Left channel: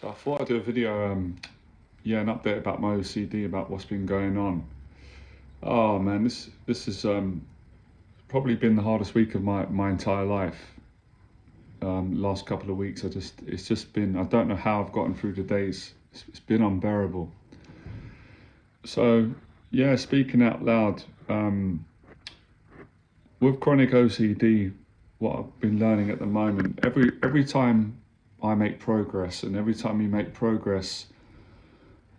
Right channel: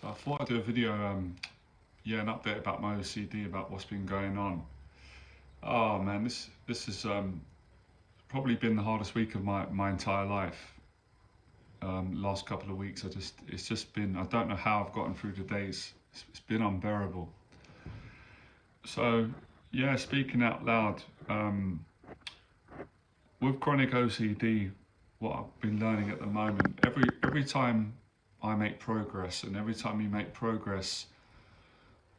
So I thought I'd do a video, an update about my OCD, about what's been going on. Oh man, this has probably been the hardest week of my entire life. Last couple of weeks, it's just been, I don't know how I've gotten through the days. It's been unbearable. So yeah, speaking out loud, with chronic OCD, what I've been learning at the moment, every time I make progress, and every time you make progress,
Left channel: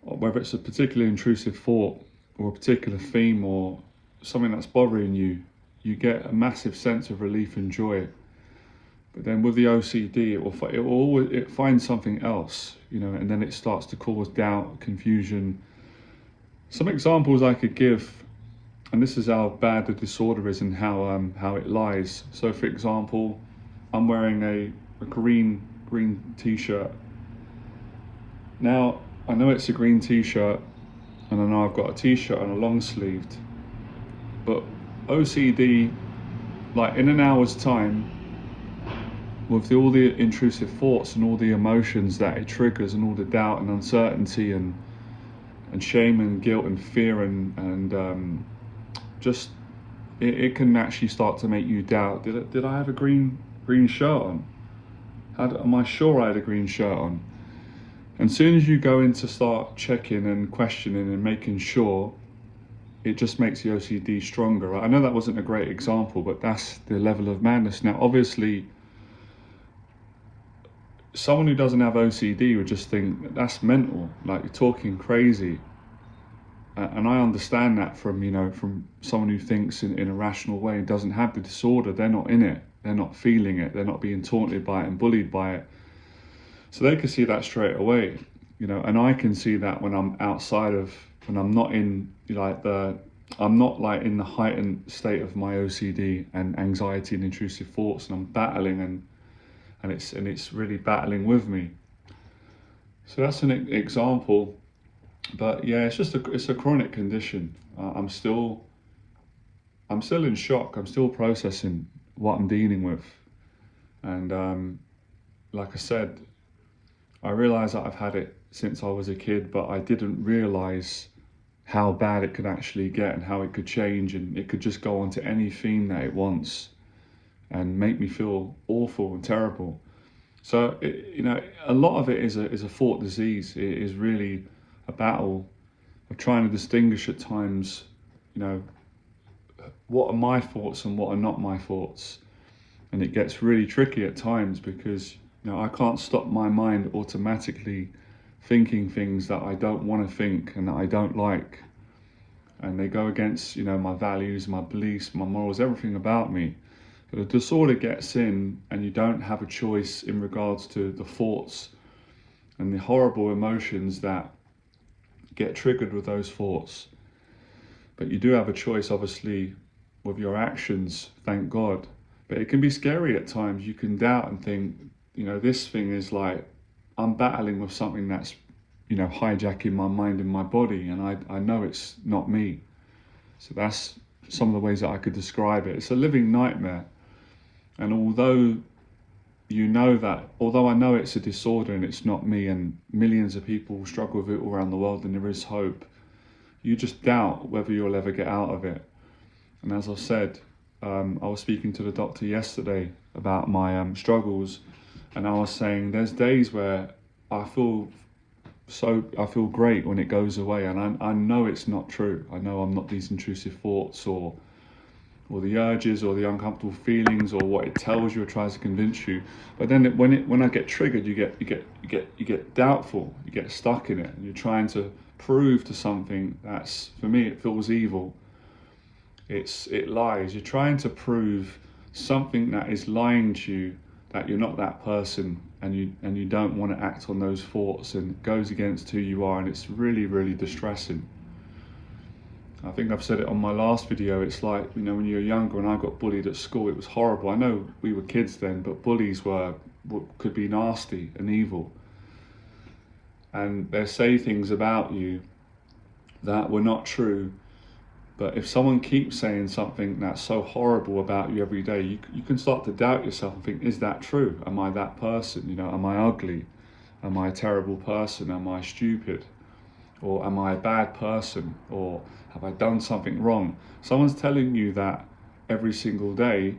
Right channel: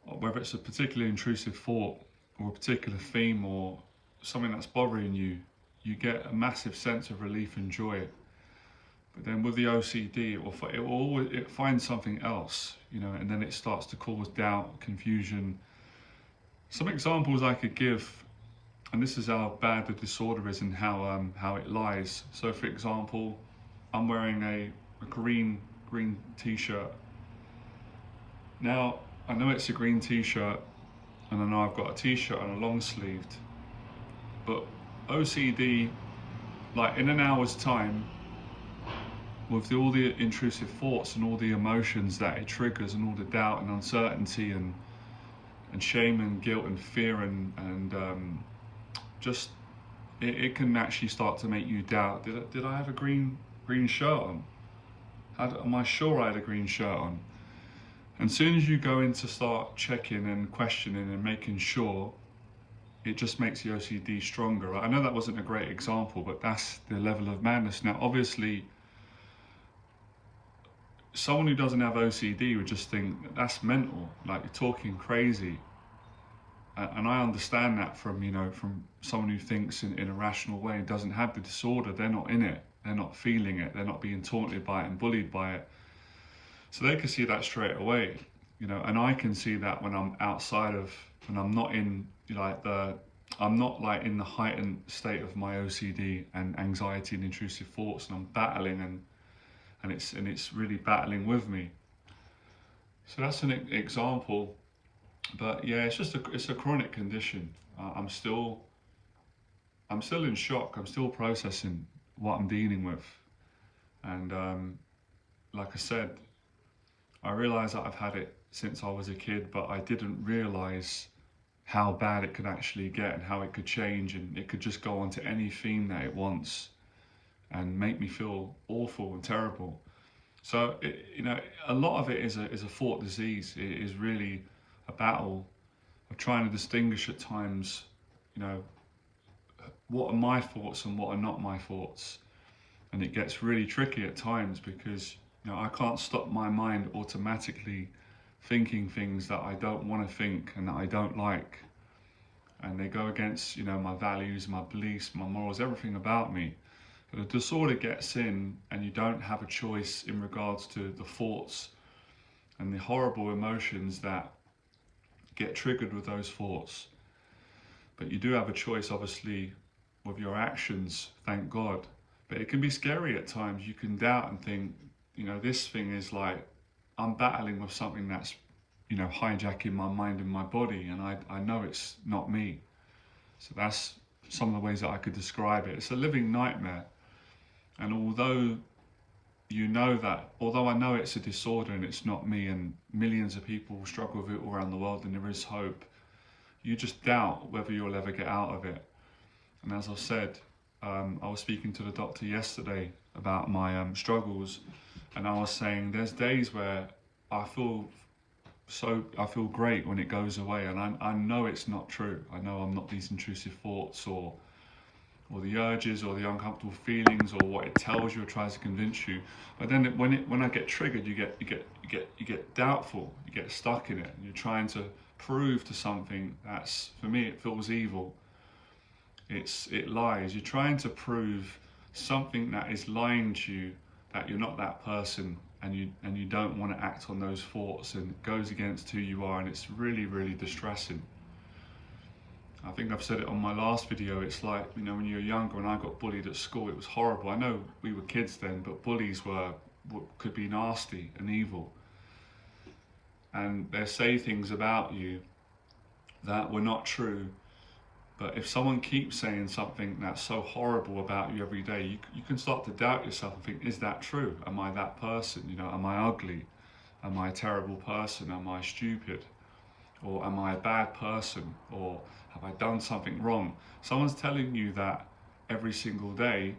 whether it's a particular intrusive thought or a particular theme or something that's bothering you, you get a massive sense of relief and joy. But then with the OCD, it finds something else, and then it starts to cause doubt, confusion. Some examples I could give, and this is how bad the disorder is and how it lies. So for example, I'm wearing a green t-shirt. Now, I know it's a green t-shirt, and I know I've got a t-shirt on a long sleeved, but OCD, like in an hour's time, with all the intrusive thoughts and all the emotions that it triggers and all the doubt and uncertainty and shame and guilt and fear and just, it can actually start to make you doubt, did I have a green shirt on? Am I sure I had a green shirt on? And as soon as you go in to start checking and questioning and making sure, it just makes the OCD stronger. I know that wasn't a great example, but that's the level of madness. Now, obviously, someone who doesn't have OCD would just think that's mental, like you're talking crazy. And I understand that from someone who thinks in a rational way and doesn't have the disorder. They're not in it, they're not feeling it, they're not being taunted by it and bullied by it. So they can see that straight away, and I can see that when I'm outside of, when I'm not in I'm not like in the heightened state of my OCD and anxiety and intrusive thoughts, and I'm battling and it's really battling with me. So that's an example. But yeah, it's a chronic condition. I'm still in shock. I'm still processing what I'm dealing with, and like I said, I realise that I've had it since I was a kid, but I didn't realise how bad it could actually get and how it could change, and it could just go on to any theme that it wants and make me feel awful and terrible. So a lot of it is a thought disease. It is really a battle of trying to distinguish at times, what are my thoughts and what are not my thoughts. And it gets really tricky at times because I can't stop my mind automatically thinking things that I don't want to think and that I don't like, and they go against my values, my beliefs, my morals, everything about me. But the disorder gets in, and you don't have a choice in regards to the thoughts and the horrible emotions that get triggered with those thoughts. But you do have a choice, obviously, with your actions, thank God. But it can be scary at times. You can doubt and think, this thing is like, I'm battling with something that's, hijacking my mind and my body, and I know it's not me. So that's some of the ways that I could describe it. It's a living nightmare. And although I know it's a disorder and it's not me, and millions of people struggle with it all around the world, and there is hope, you just doubt whether you'll ever get out of it. And as I said, I was speaking to the doctor yesterday about my struggles, and I was saying there's days where I feel great when it goes away, and I know it's not true. I know I'm not these intrusive thoughts or the urges or the uncomfortable feelings or what it tells you or tries to convince you. But then when I get triggered, you get doubtful, you get stuck in it, and you're trying to prove to something that's, for me, it feels evil. It lies. You're trying to prove something that is lying to you, that you're not that person, and you don't want to act on those thoughts, and it goes against who you are, and it's really, really distressing. I think I've said it on my last video. It's like, when you're younger, when I got bullied at school, it was horrible. I know we were kids then, but bullies could be nasty and evil. And they say things about you that were not true. But if someone keeps saying something that's so horrible about you every day, you can start to doubt yourself and think, is that true? Am I that person? Am I ugly? Am I a terrible person? Am I stupid? Or am I a bad person? Or have I done something wrong? Someone's telling you that every single day,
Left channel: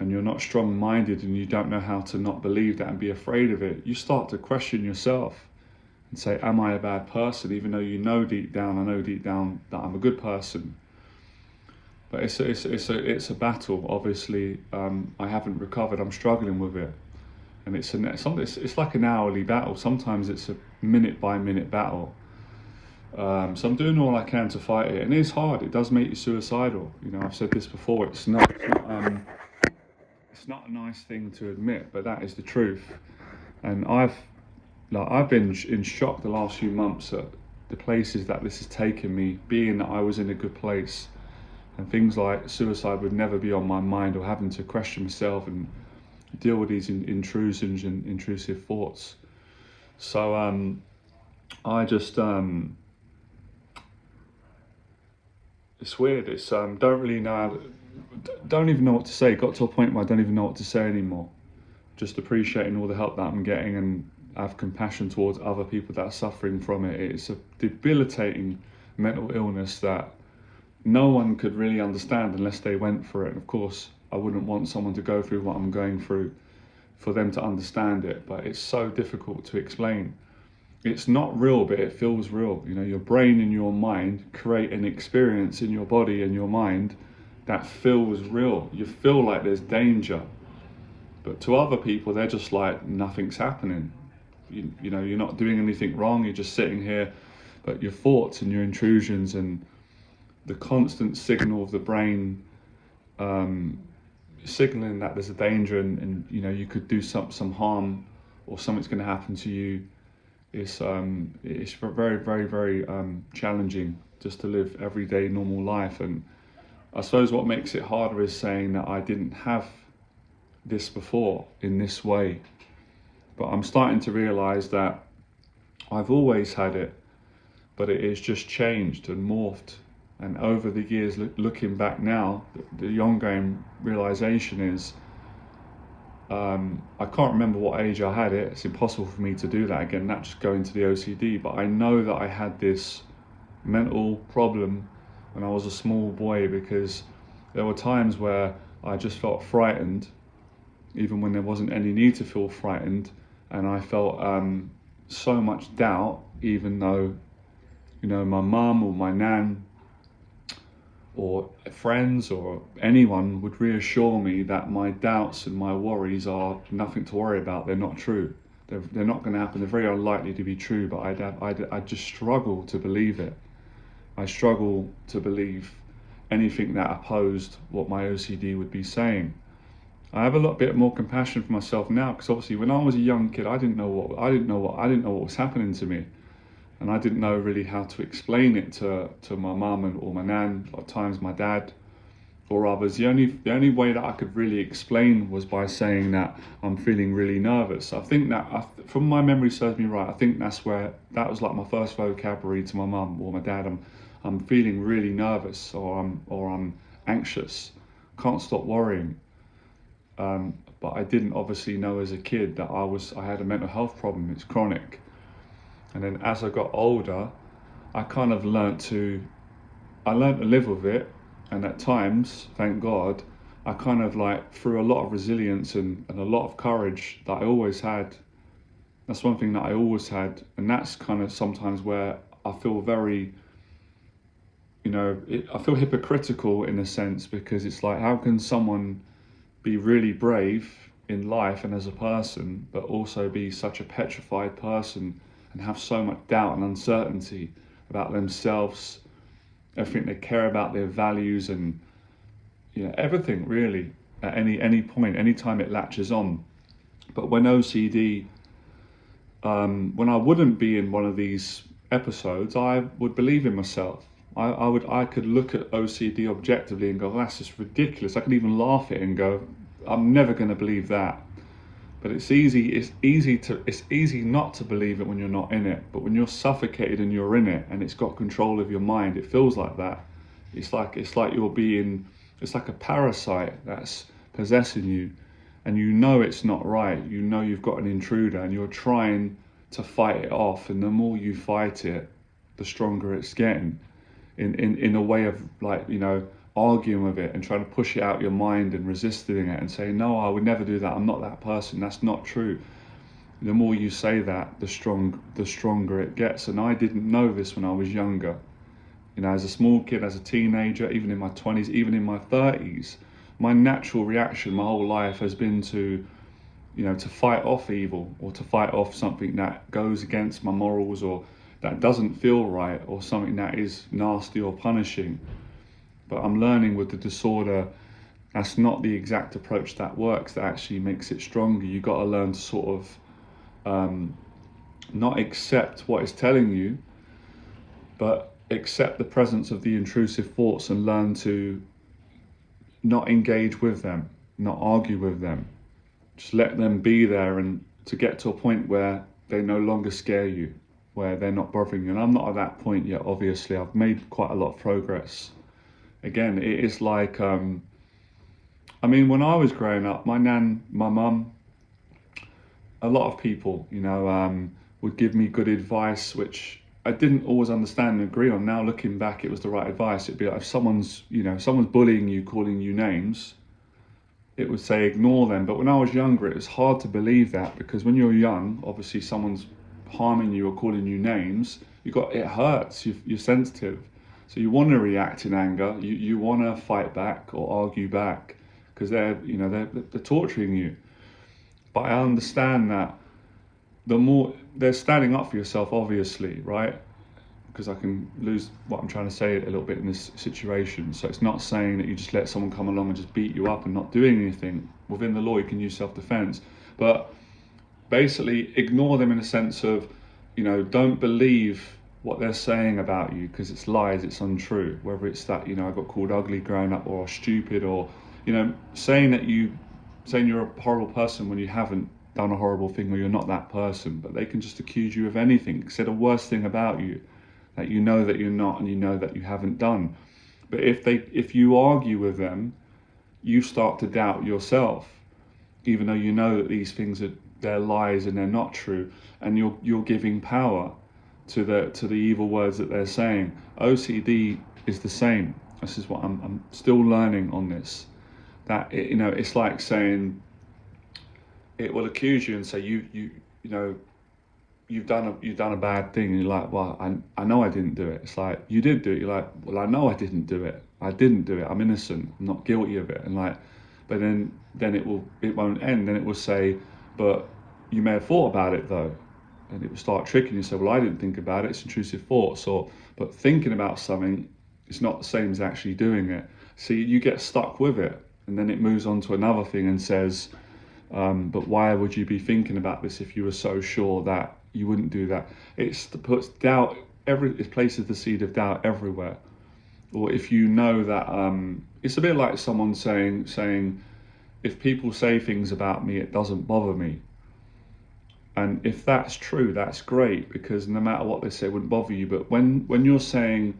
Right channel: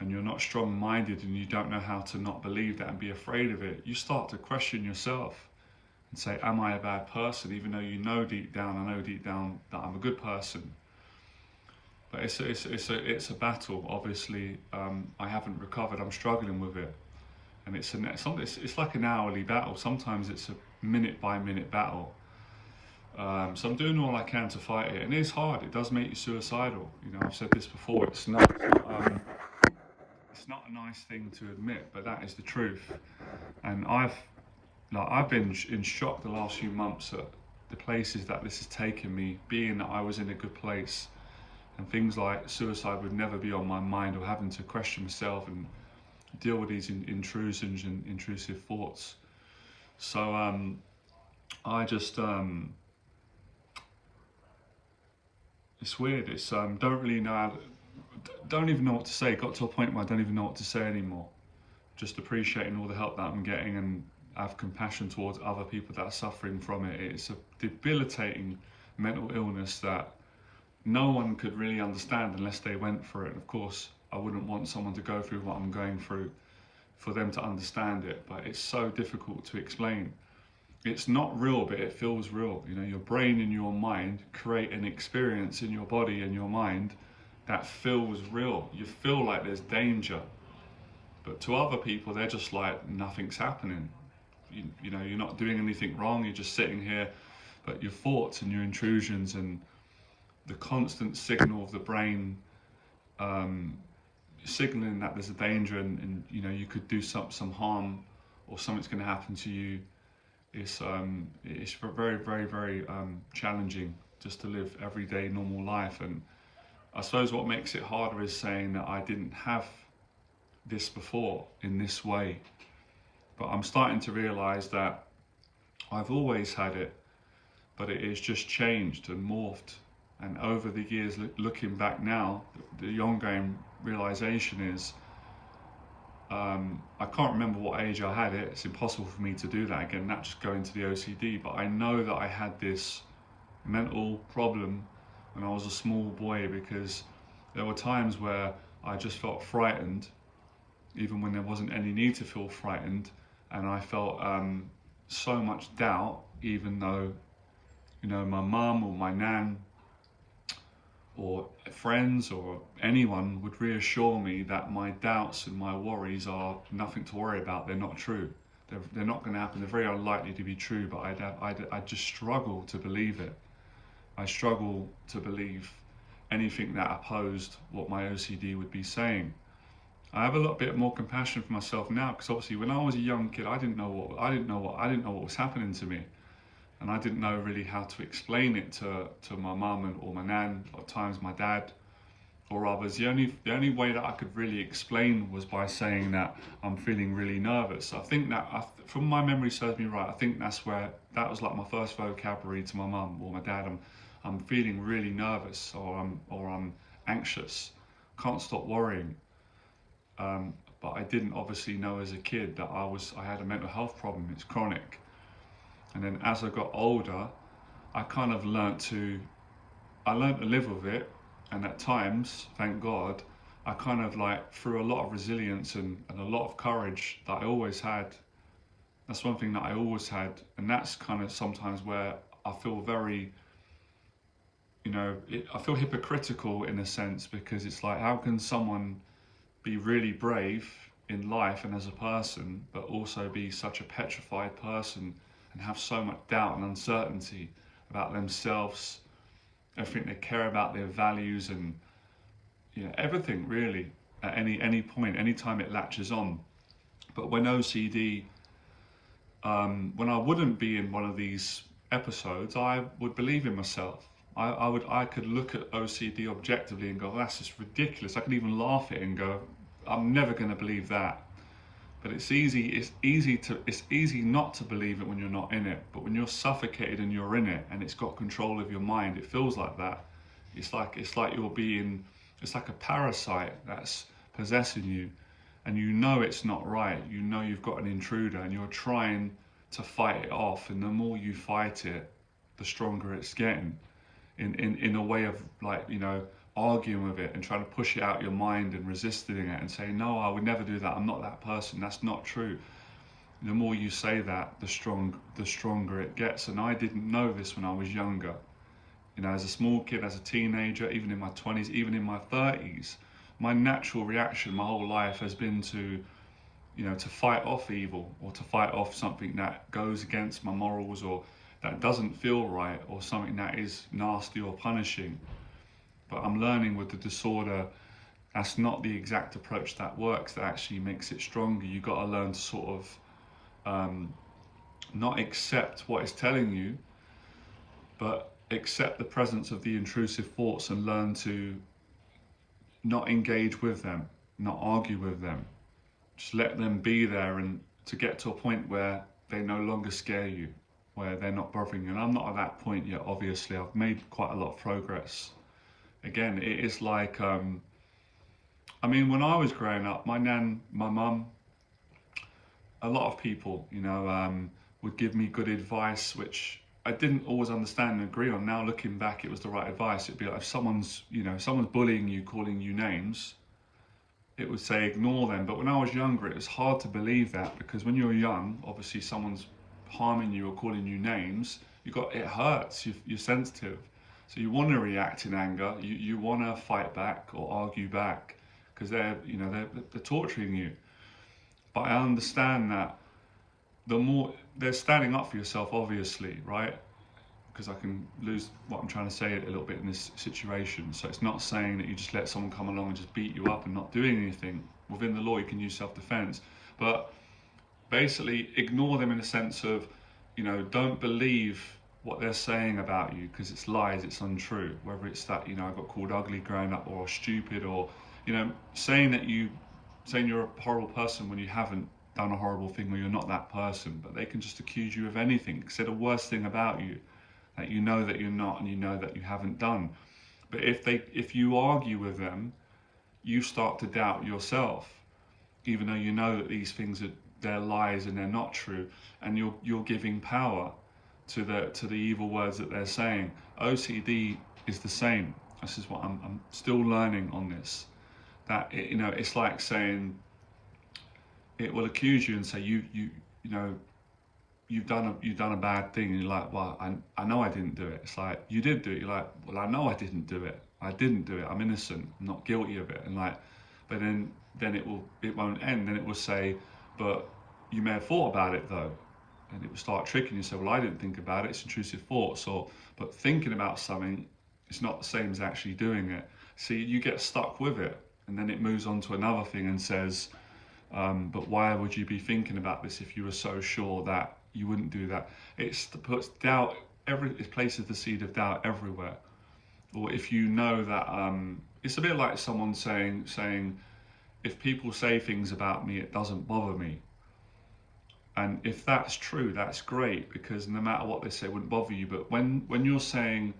and you're not strong-minded and you don't know how to not believe that and be afraid of it. You start to question yourself and say, am I a bad person? Even though you know deep down, I know deep down that I'm a good person. But it's a battle. Obviously, I haven't recovered. I'm struggling with it, and it's like an hourly battle. Sometimes it's a minute by minute battle. So I'm doing all I can to fight it, and it's hard. It does make you suicidal. You know, I've said this before. It's not a nice thing to admit, but that is the truth. And I've been in shock the last few months at the places that this has taken me, being that I was in a good place. And things like suicide would never be on my mind, or having to question myself and deal with these intrusions and intrusive thoughts. So I just it's weird. It's don't really know, don't even know what to say. Got to a point where I don't even know what to say anymore. Just appreciating all the help that I'm getting, and have compassion towards other people that are suffering from it. It's a debilitating mental illness that no one could really understand unless they went through it. And of course, I wouldn't want someone to go through what I'm going through for them to understand it, but it's so difficult to explain. It's not real, but it feels real. You know, your brain and your mind create an experience in your body and your mind that feels real. You feel like there's danger, but to other people, they're just like, nothing's happening. You know, you're not doing anything wrong. You're just sitting here, but your thoughts and your intrusions and the constant signal of the brain signaling that there's a danger, and you know, you could do some harm, or something's going to happen to you. It's very, very, very challenging just to live everyday normal life. And I suppose what makes it harder is saying that I didn't have this before in this way, but I'm starting to realize that I've always had it, but it has just changed and morphed. And over the years, looking back now, the ongoing realization is I can't remember what age I had it. It's impossible for me to do that again, that's just going to the OCD. But I know that I had this mental problem when I was a small boy, because there were times where I just felt frightened, even when there wasn't any need to feel frightened. And I felt so much doubt, even though, you know, my mum or my nan or friends or anyone would reassure me that my doubts and my worries are nothing to worry about. They're not true. They're not going to happen. They're very unlikely to be true, but I just struggle to believe it. I struggle to believe anything that opposed what my OCD would be saying. I have a lot bit more compassion for myself now, because obviously when I was a young kid, I didn't know what was happening to me. And I didn't know really how to explain it to my mum or my nan, or at times my dad or others. The only way that I could really explain was by saying that I'm feeling really nervous. I think that, from my memory serves me right, I think that was like my first vocabulary to my mum or my dad. I'm feeling really nervous, or I'm anxious, can't stop worrying. But I didn't obviously know as a kid that I had a mental health problem. It's chronic. And then as I got older, I kind of learnt to live with it. And at times, thank God, I kind of like, through a lot of resilience and a lot of courage that I always had. That's one thing that I always had. And that's kind of sometimes where I feel very, you know, I feel hypocritical in a sense, because it's like, how can someone be really brave in life and as a person, but also be such a petrified person and have so much doubt and uncertainty about themselves, everything they care about, their values, and, you know, everything really, at any point, anytime it latches on. But when OCD, when I wouldn't be in one of these episodes, I would believe in myself. I could look at OCD objectively and go, that's just ridiculous. I could even laugh at it and go, I'm never going to believe that. But it's easy not to believe it when you're not in it. But when you're suffocated and you're in it, and it's got control of your mind, it feels like that. It's like it's like a parasite that's possessing you, and you know it's not right. You know you've got an intruder, and you're trying to fight it off, and the more you fight it, the stronger it's getting. In a way of, like, you know, arguing with it and trying to push it out your mind and resisting it and saying, no, I would never do that, I'm not that person, that's not true. The more you say that, the stronger it gets. And I didn't know this when I was younger. You know, as a small kid, as a teenager, even in my 20s, even in my 30s, my natural reaction my whole life has been to, you know, to fight off evil, or to fight off something that goes against my morals, or that doesn't feel right, or something that is nasty or punishing. But I'm learning with the disorder, that's not the exact approach that works, that actually makes it stronger. You've got to learn to sort of not accept what it's telling you, but accept the presence of the intrusive thoughts and learn to not engage with them, not argue with them. Just let them be there, and to get to a point where they no longer scare you, where they're not bothering you. And I'm not at that point yet, obviously. I've made quite a lot of progress. Again, it is like, I mean, when I was growing up, my nan, my mum, a lot of people, you know, would give me good advice, which I didn't always understand and agree on. Now, looking back, it was the right advice. It'd be like, if someone's, you know, someone's bullying you, calling you names, it would say ignore them. But when I was younger, it was hard to believe that, because when you're young, obviously someone's harming you or calling you names, it hurts, you're sensitive. So you want to react in anger, you want to fight back or argue back, because they're torturing you. But I understand that the more they're standing up for yourself, obviously, right? Because I can lose what I'm trying to say a little bit in this situation. So it's not saying that you just let someone come along and just beat you up and not doing anything. Within the law, you can use self-defense, but basically ignore them in a sense of, you know, don't believe what they're saying about you, because it's lies, it's untrue. Whether it's that, you know, I got called ugly growing up, or stupid, or, you know, saying you're a horrible person when you haven't done a horrible thing, or you're not that person. But they can just accuse you of anything, say the worst thing about you that you know that you're not, and you know that you haven't done. But if you argue with them, you start to doubt yourself, even though you know that these things they're lies and they're not true, and you're giving power to the evil words that they're saying. OCD is the same. This is what I'm still learning on this. That you know, it's like saying, it will accuse you and say you know, you've done a bad thing, and you're like, well, I know I didn't do it. It's like, you did do it. You're like, well, I know I didn't do it. I didn't do it. I'm innocent. I'm not guilty of it. And like, but then it won't end. Then it will say, but you may have thought about it though. And it will start tricking you. So, well, I didn't think about it. It's intrusive thoughts. But thinking about something is not the same as actually doing it. So you get stuck with it, and then it moves on to another thing and says, but why would you be thinking about this if you were so sure that you wouldn't do that? It puts doubt, it places the seed of doubt everywhere. Or if you know that, it's a bit like someone saying, if people say things about me, it doesn't bother me. And if that's true, that's great, because no matter what they say, it wouldn't bother you. But when you're saying,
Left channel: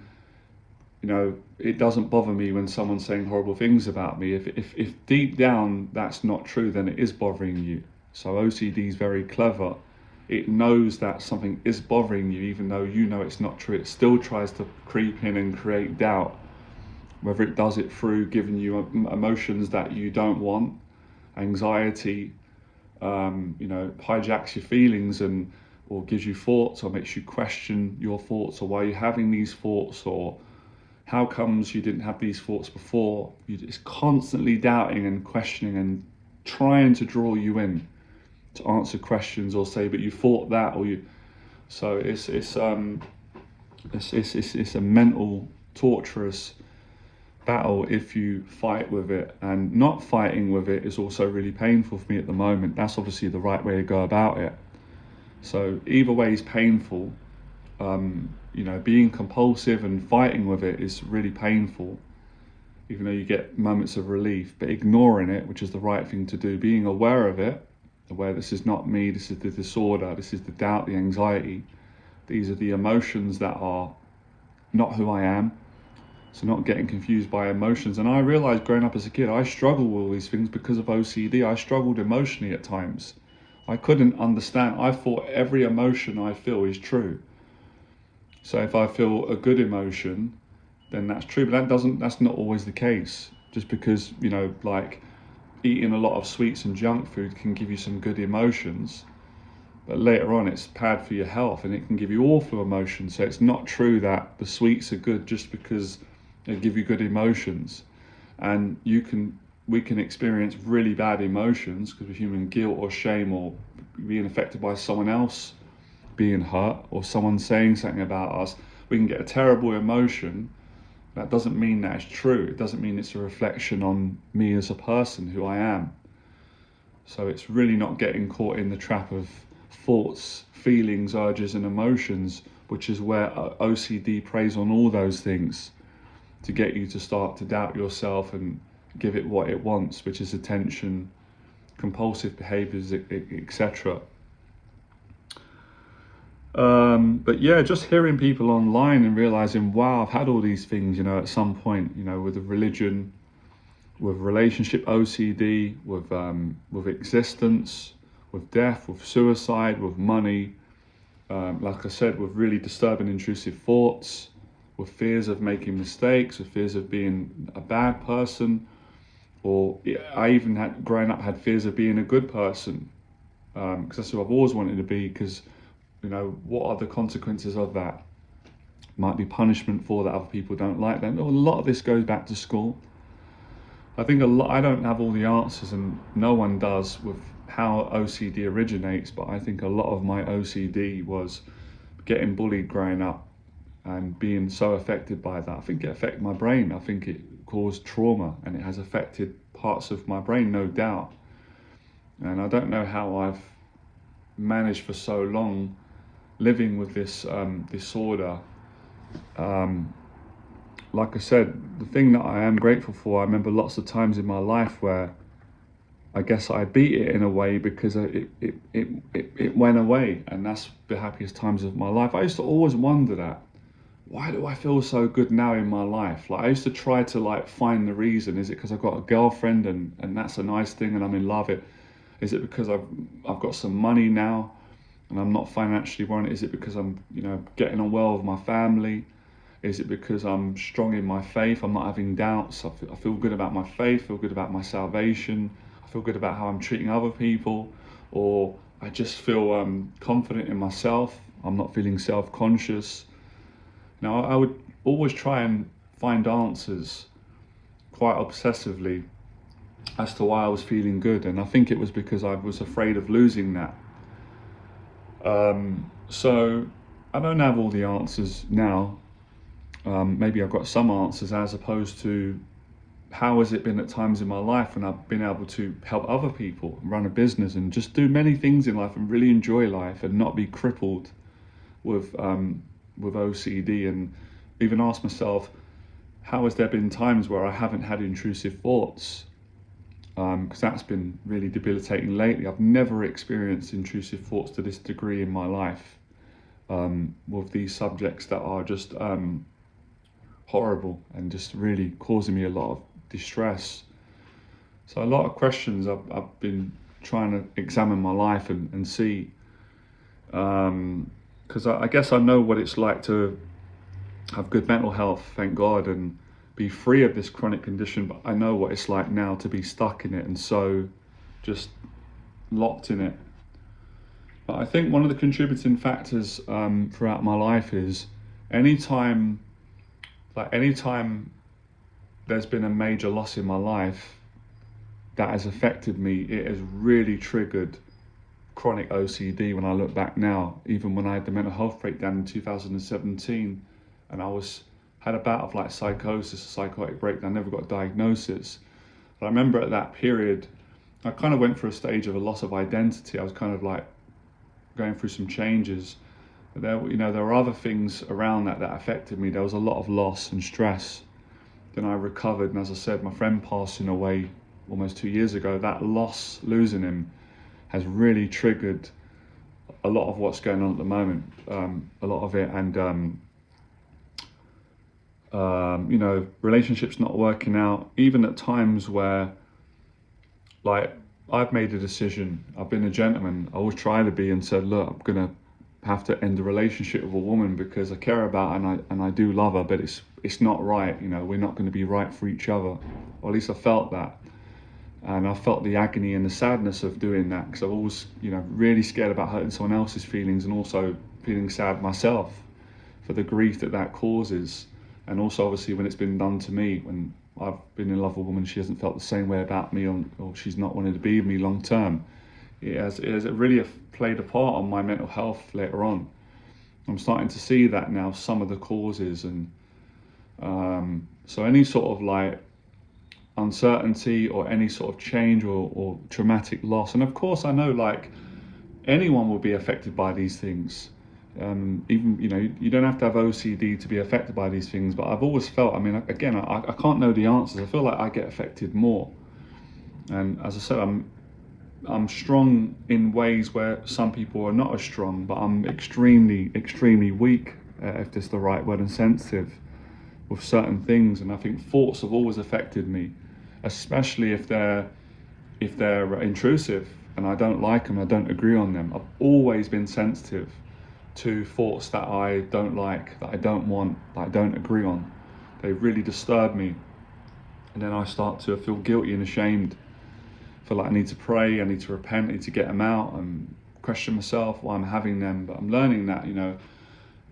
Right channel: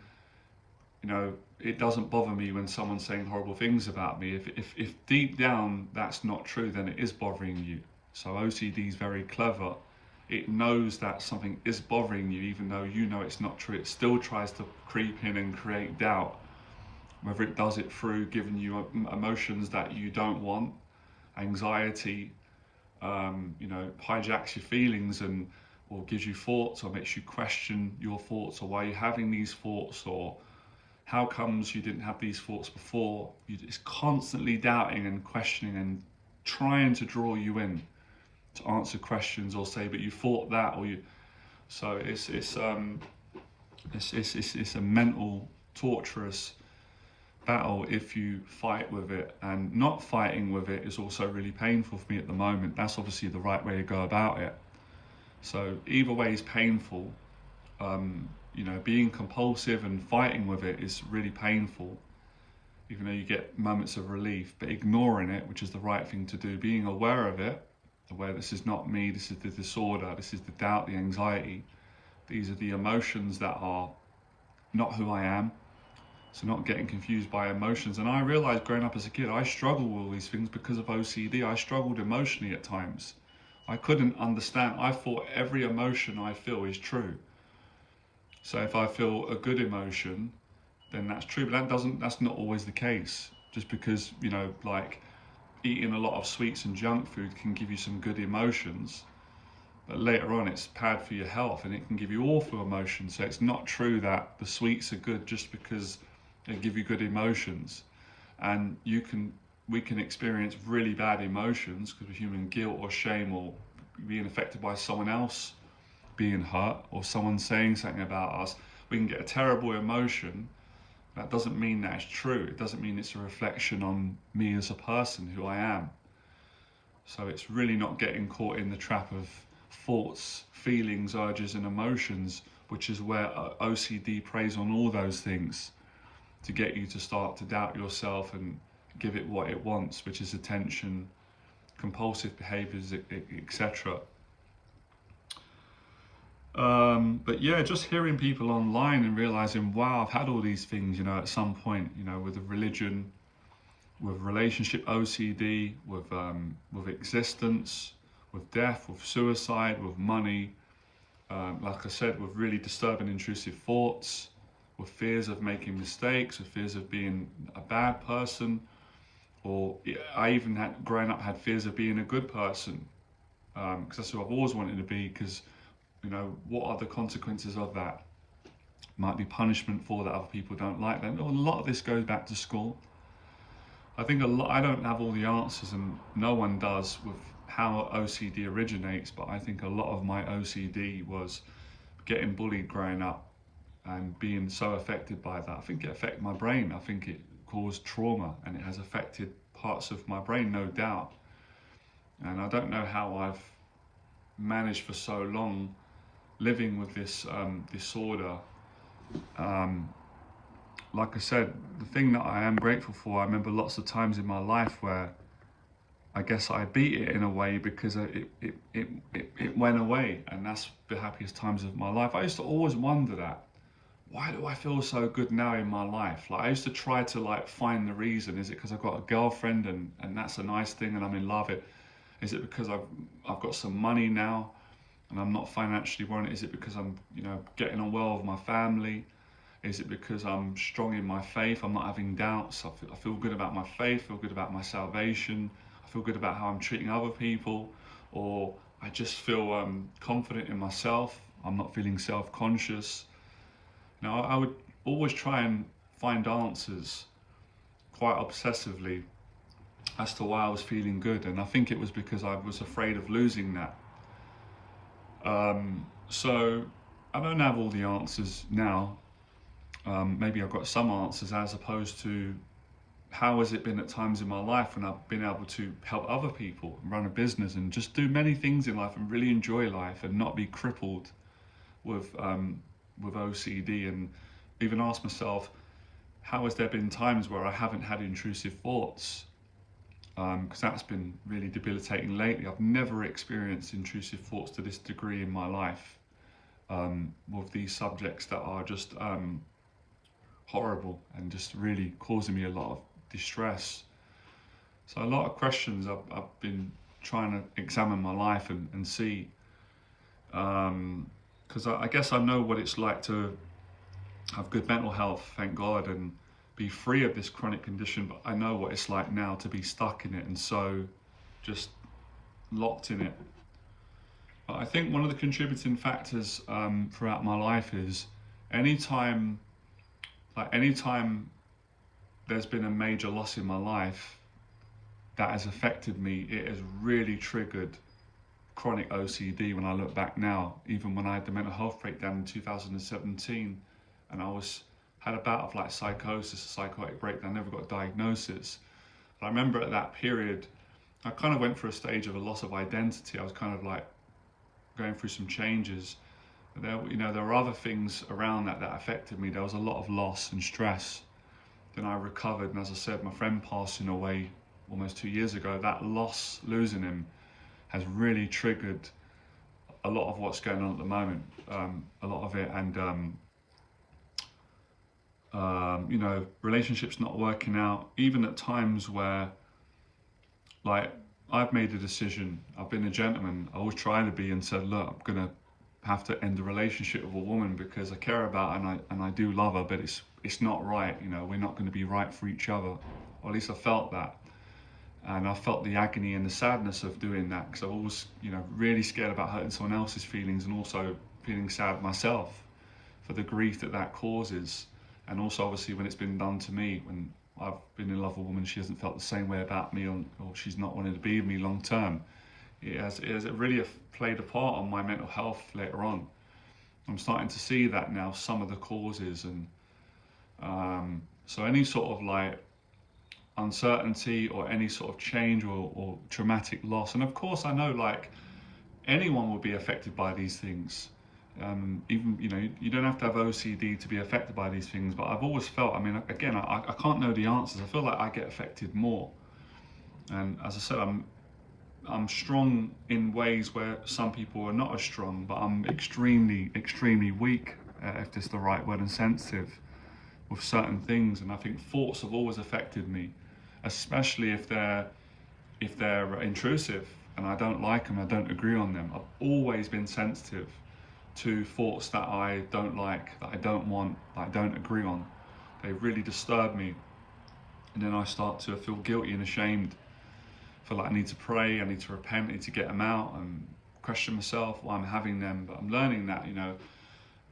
you know, it doesn't bother me when someone's saying horrible things about me, if deep down that's not true, then it is bothering you. So OCD is very clever. It knows that something is bothering you, even though you know it's not true. It still tries to creep in and create doubt, whether it does it through giving you emotions that you don't want, anxiety, you know, hijacks your feelings, or gives you thoughts, or makes you question your thoughts, or why you're having these thoughts, or how comes you didn't have these thoughts before. You're just constantly doubting and questioning and trying to draw you in to answer questions, or say, but you thought that, or you. So it's a mental, torturous battle if you fight with it. And not fighting with it is also really painful for me at the moment. That's obviously the right way to go about it. So either way is painful. You know, being compulsive and fighting with it is really painful, even though you get moments of relief. But ignoring it, which is the right thing to do, being aware of it, aware this is not me, this is the disorder, this is the doubt, the anxiety, these are the emotions that are not who I am. So not getting confused by emotions. And I realized growing up as a kid, I struggled with all these things because of OCD. I struggled emotionally at times. I couldn't understand. I thought every emotion I feel is true. So if I feel a good emotion, then that's true. But that's not always the case. Just because, you know, like eating a lot of sweets and junk food can give you some good emotions, but later on it's bad for your health and it can give you awful emotions. So it's not true that the sweets are good just because they give you good emotions. And we can experience really bad emotions because of human guilt or shame or being affected by someone else being hurt or someone saying something about us. We can get a terrible emotion. That doesn't mean that it's true. It doesn't mean it's a reflection on me as a person, who I am. So it's really not getting caught in the trap of thoughts, feelings, urges and emotions, which is where OCD preys on all those things to get you to start to doubt yourself and give it what it wants, which is attention, compulsive behaviors, etc. But yeah, just hearing people online and realizing, wow, I've had all these things, you know, at some point, you know, with a religion, with relationship OCD, with existence, with death, with suicide, with money, like I said, with really disturbing intrusive thoughts, with fears of making mistakes, with fears of being a bad person, or I even had, growing up, had fears of being a good person, because that's who I've always wanted to be, because, you know, what are the consequences of that? Might be punishment for that other people don't like that. A lot of this goes back to school. I think I don't have all the answers, and no one does, with how OCD originates, but I think a lot of my OCD was getting bullied growing up and being so affected by that. I think it affected my brain. I think it caused trauma, and it has affected parts of my brain, no doubt. And I don't know how I've managed for so long living with this disorder. Like I said, the thing that I am grateful for, I remember lots of times in my life where I guess I beat it in a way because it went away, and that's the happiest times of my life. I used to always wonder that, why do I feel so good now in my life? Like I used to try to like find the reason. Is it because I've got a girlfriend and that's a nice thing and I'm in love? Is it because I've got some money now and I'm not financially worried? Is it because I'm, you know, getting on well with my family? Is it because I'm strong in my faith? I'm not having doubts. I feel good about my faith, feel good about my salvation, I feel good about how I'm treating other people, or I just feel confident in myself. I'm not feeling self-conscious. Now, I would always try and find answers quite obsessively as to why I was feeling good, and I think it was because I was afraid of losing that. So I don't have all the answers now. Maybe I've got some answers, as opposed to how has it been at times in my life when I've been able to help other people, run a business and just do many things in life and really enjoy life and not be crippled with OCD, and even ask myself, how has there been times where I haven't had intrusive thoughts? Because that's been really debilitating lately. I've never experienced intrusive thoughts to this degree in my life, with these subjects that are just horrible and just really causing me a lot of distress. So a lot of questions I've been trying to examine my life and see, because I guess I know what it's like to have good mental health, thank God, and be free of this chronic condition, but I know what it's like now to be stuck in it and so just locked in it. But I think one of the contributing factors throughout my life is anytime there's been a major loss in my life that has affected me, it has really triggered chronic OCD when I look back now. Even when I had the mental health breakdown in 2017 and I had a bout of like psychosis, a psychotic breakdown, never got a diagnosis. But I remember at that period, I kind of went through a stage of a loss of identity. I was kind of like going through some changes. But there were other things around that affected me. There was a lot of loss and stress. Then I recovered, and as I said, my friend passing away almost 2 years ago, that loss, losing him, has really triggered a lot of what's going on at the moment, a lot of it, and relationships not working out, even at times where, like, I've made a decision. I've been a gentleman. I always try to be, and said, look, I'm gonna have to end a relationship with a woman because I care about her and I do love her, but it's not right. You know, we're not going to be right for each other. Or at least I felt that, and I felt the agony and the sadness of doing that, because I was always, you know, really scared about hurting someone else's feelings, and also feeling sad myself for the grief that that causes. And also obviously when it's been done to me, when I've been in love with a woman, she hasn't felt the same way about me, or she's not wanted to be with me long term. It has really played a part on my mental health later on. I'm starting to see that now, some of the causes, and so any sort of like uncertainty or any sort of change or traumatic loss. And of course I know like anyone will be affected by these things. Even, you know, you don't have to have OCD to be affected by these things, but I've always felt, I mean, again, I can't know the answers. I feel like I get affected more. And as I said, I'm strong in ways where some people are not as strong, but I'm extremely weak, if that's the right word, and sensitive with certain things. And I think thoughts have always affected me, especially if they're intrusive and I don't like them, I don't agree on them. I've always been sensitive to thoughts that I don't like, that I don't want, that I don't agree on. They really disturb me, and then I start to feel guilty and ashamed. I feel like I need to pray, I need to repent, I need to get them out and question myself why I'm having them. But I'm learning that, you know,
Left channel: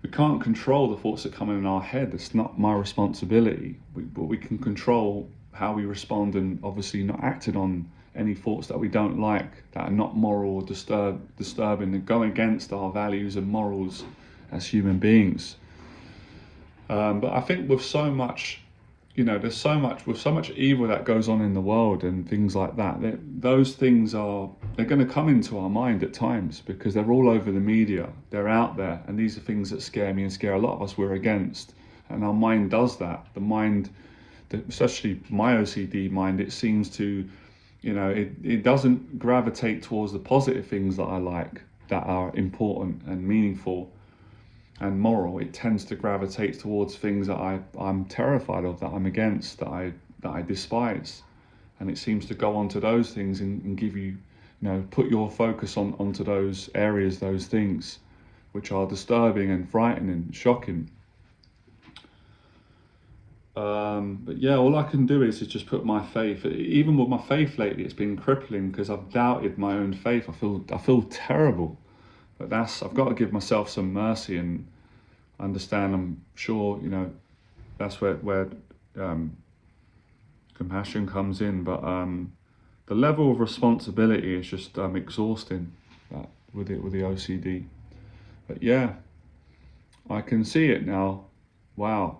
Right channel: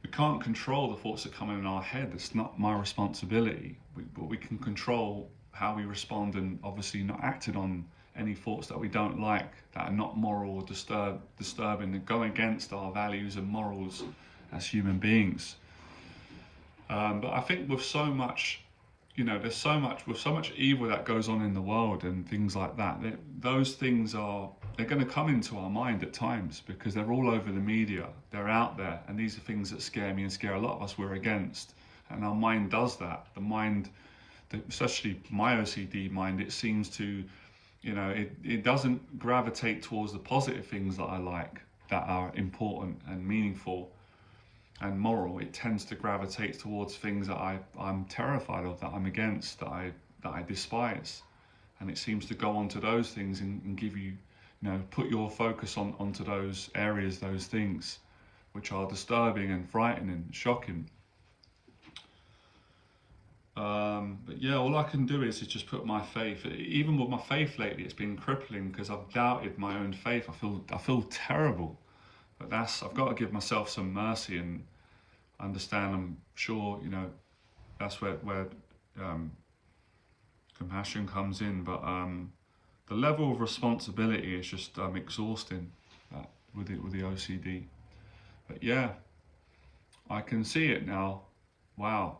we can't control the thoughts that come in our head. It's not my responsibility, but we can control how we respond, and obviously not acting on any thoughts that we don't like, that are not moral or disturbing, and go against our values and morals as human beings. But I think with so much, you know, with so much evil that goes on in the world and things like that, those things they're going to come into our mind at times, because they're all over the media, they're out there, and these are things that scare me and scare a lot of us we're against. And our mind does that. The mind, especially my OCD mind, it seems to, you know, it doesn't gravitate towards the positive things that I like, that are important and meaningful and moral. It tends to gravitate towards things that I'm terrified of, that I'm against, that I despise. And it seems to go onto those things and give you, you know, put your focus onto those areas, those things which are disturbing and frightening and shocking. But yeah, all I can do is just put my faith. Even with my faith lately, it's been crippling, because I've doubted my own faith. I feel terrible, but I've got to give myself some mercy and understand. I'm sure, you know, that's where compassion comes in. But the level of responsibility is just exhausting, with the OCD. But yeah, I can see it now. Wow.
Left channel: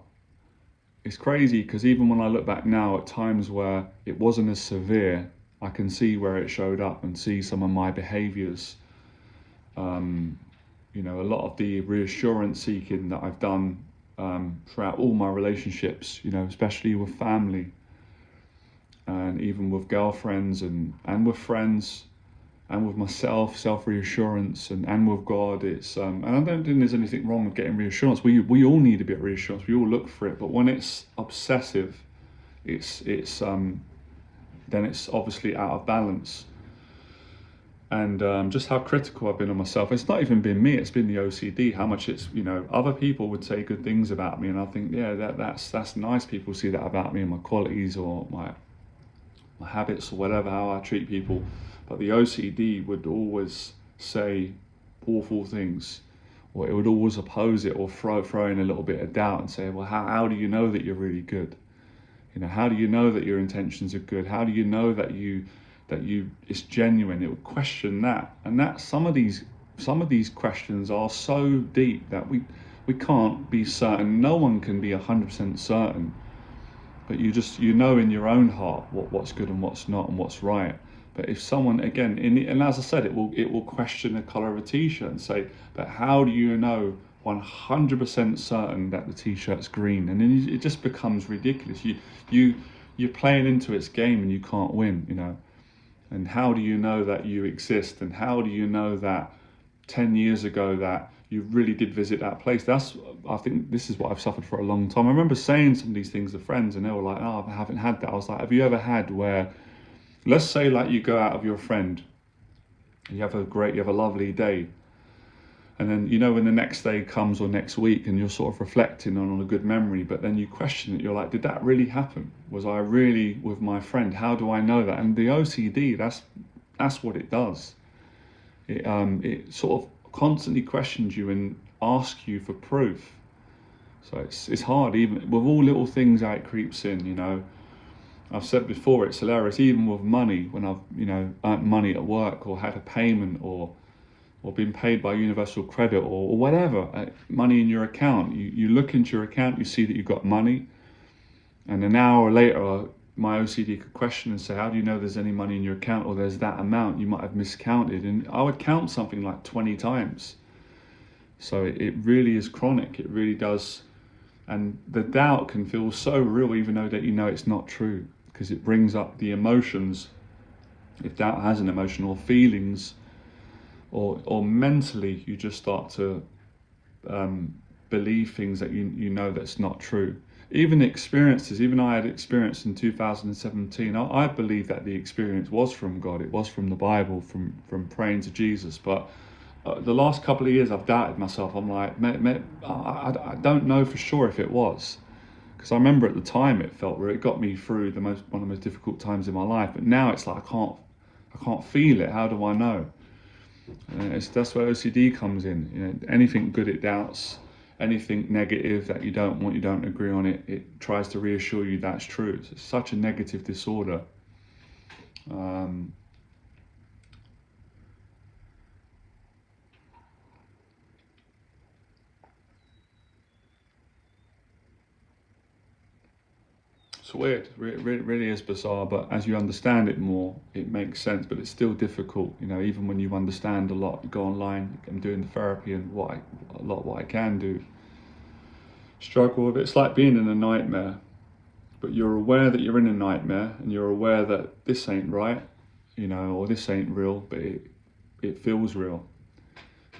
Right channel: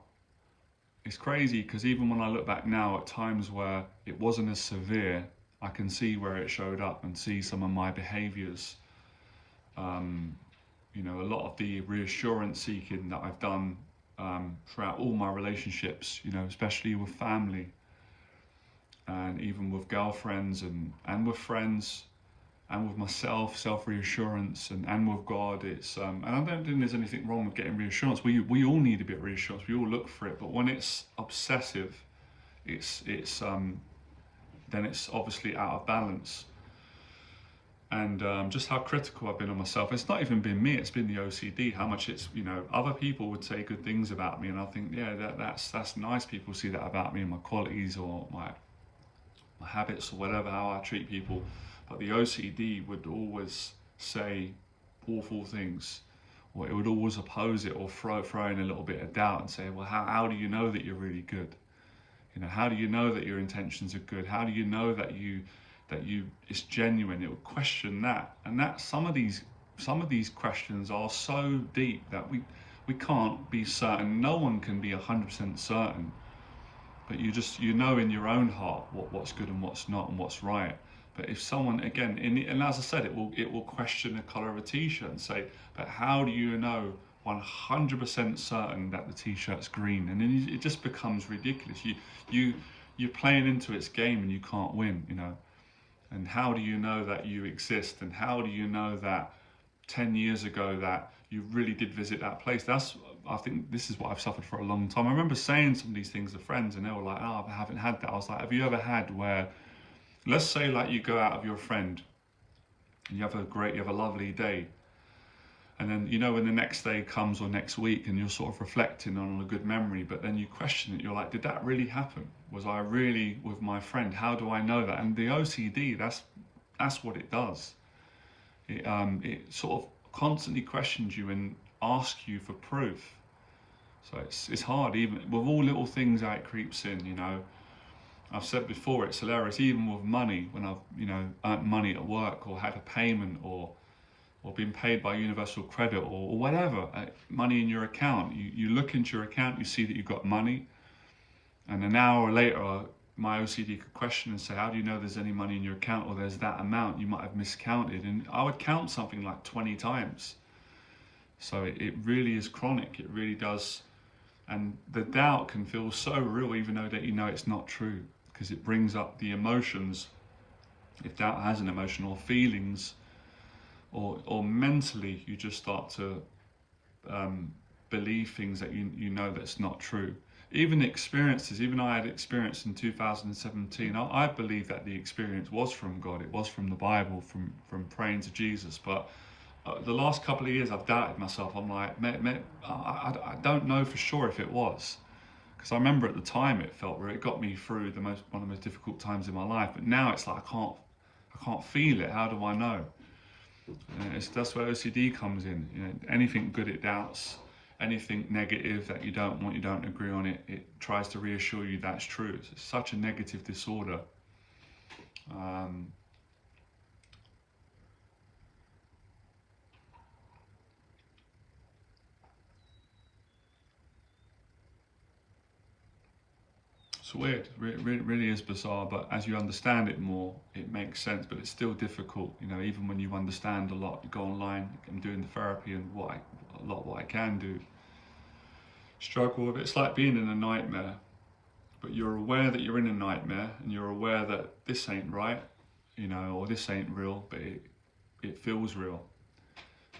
It's crazy, because even when I look back now at times where it wasn't as severe, I can see where it showed up and see some of my behaviours. You know, a lot of the reassurance seeking that I've done throughout all my relationships, you know, especially with family, and even with girlfriends and with friends, and with myself, self-reassurance, and with God. It's and I don't think there's anything wrong with getting reassurance. We all need a bit of reassurance. We all look for it. But when it's obsessive, it's then it's obviously out of balance. And just how critical I've been on myself. It's not even been me. It's been the OCD. How much it's, you know, other people would say good things about me, and I think, yeah, that's nice. People see that about me, and my qualities, or my habits, or whatever, how I treat people. But the OCD would always say awful things, or it would always oppose it, or throw in a little bit of doubt and say, well, how do you know that you're really good? You know, how do you know that your intentions are good? How do you know that it's genuine? It would question that, and that some of these questions are so deep that we can't be certain. No one can be 100% certain, but you know in your own heart what's good and what's not and what's right. But if someone, again, and as I said, it will question the colour of a t-shirt and say, but how do you know 100% certain that the t-shirt's green? And then it just becomes ridiculous. You're playing into its game and you can't win, you know. And how do you know that you exist? And how do you know that 10 years ago that you really did visit that place? I think this is what I've suffered for a long time. I remember saying some of these things to friends, and they were like, oh, I haven't had that. I was like, have you ever had where Let's say like you go out with your friend, you have a lovely day, and then, you know, when the next day comes or next week and you're sort of reflecting on a good memory, but then you question it, you're like, did that really happen? Was I really with my friend? How do I know that? And the OCD, that's what it does. It sort of constantly questions you and asks you for proof. So it's hard, even with all little things how it creeps in, you know. I've said before, it's hilarious, even with money, when I've, you know, earned money at work or had a payment or been paid by Universal Credit or whatever, money in your account. You look into your account, you see that you've got money, and an hour later, my OCD could question and say, how do you know there's any money in your account, or there's that amount? You might have miscounted. And I would count something like 20 times. So it really is chronic, it really does. And the doubt can feel so real, even though that you know it's not true, because it brings up the emotions. If doubt has an emotion, or feelings, or mentally, you just start to believe things that you know that's not true. Even experiences, even I had experience in 2017, I believe that the experience was from God, it was from the Bible, from praying to Jesus. But the last couple of years I've doubted myself. I'm like, I don't know for sure if it was. Because I remember at the time it felt where it got me through one of the most difficult times in my life. But now it's like I can't feel it. How do I know? That's where OCD comes in. You know, anything good it doubts, anything negative that you don't want, you don't agree on it, it tries to reassure you that's true. It's such a negative disorder. It's weird, really is bizarre, but as you understand it more, it makes sense, but it's still difficult, you know, even when you understand a lot. Go online, I'm doing the therapy and what I can do. Struggle with it. It's like being in a nightmare, but you're aware that you're in a nightmare, and you're aware that this ain't right, you know, or this ain't real, but it feels real.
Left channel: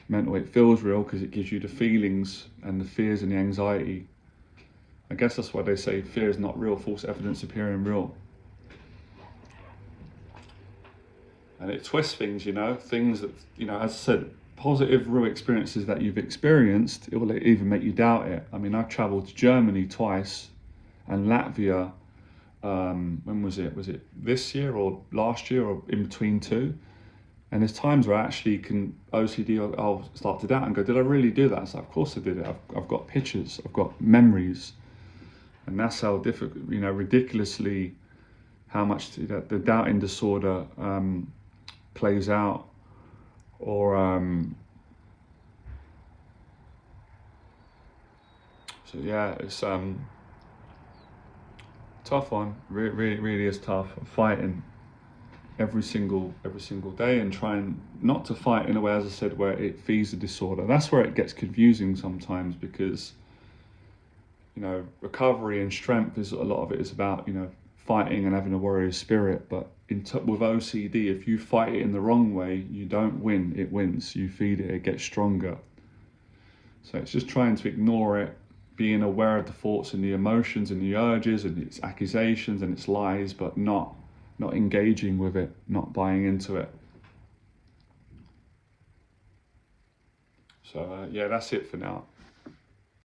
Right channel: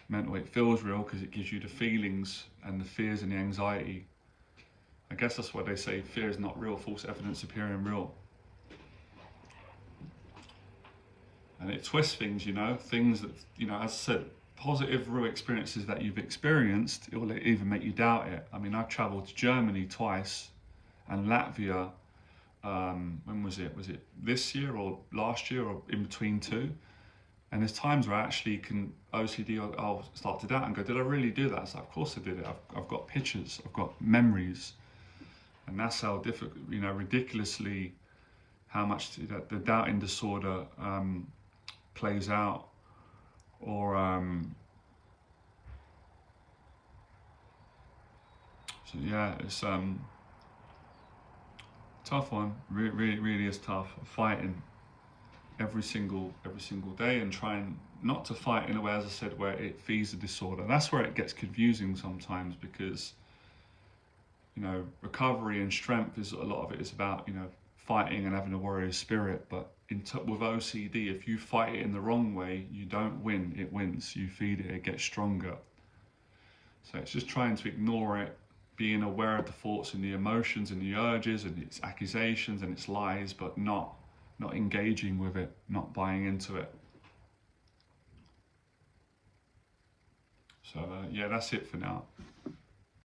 Mental, it feels real because it gives you the feelings and the fears and the anxiety. I guess that's why they say fear is not real, false evidence appearing real. And it twists things, you know, things that, you know, as I said, positive real experiences that you've experienced, it will even make you doubt it. I mean, I've travelled to Germany twice and Latvia, when was it? Was it this year or last year, or in between two? And there's times where I actually OCD, I'll start to doubt and go, did I really do that? It's like, of course I did it. I've got pictures, I've got memories. And that's how difficult, you know, ridiculously how much the doubting disorder plays out. Or, so yeah, it's tough one. Really is tough. I'm fighting every single day and trying not to fight in a way, as I said, where it feeds the disorder. That's where it gets confusing sometimes, because, you know, recovery and strength is a lot of it is about, you know, fighting and having a warrior spirit. But with OCD, if you fight it in the wrong way, you don't win, it wins. You feed it, it gets stronger. So it's just trying to ignore it, being aware of the thoughts and the emotions and the urges and its accusations and its lies, but not engaging with it, not buying into it. So yeah, that's it for now.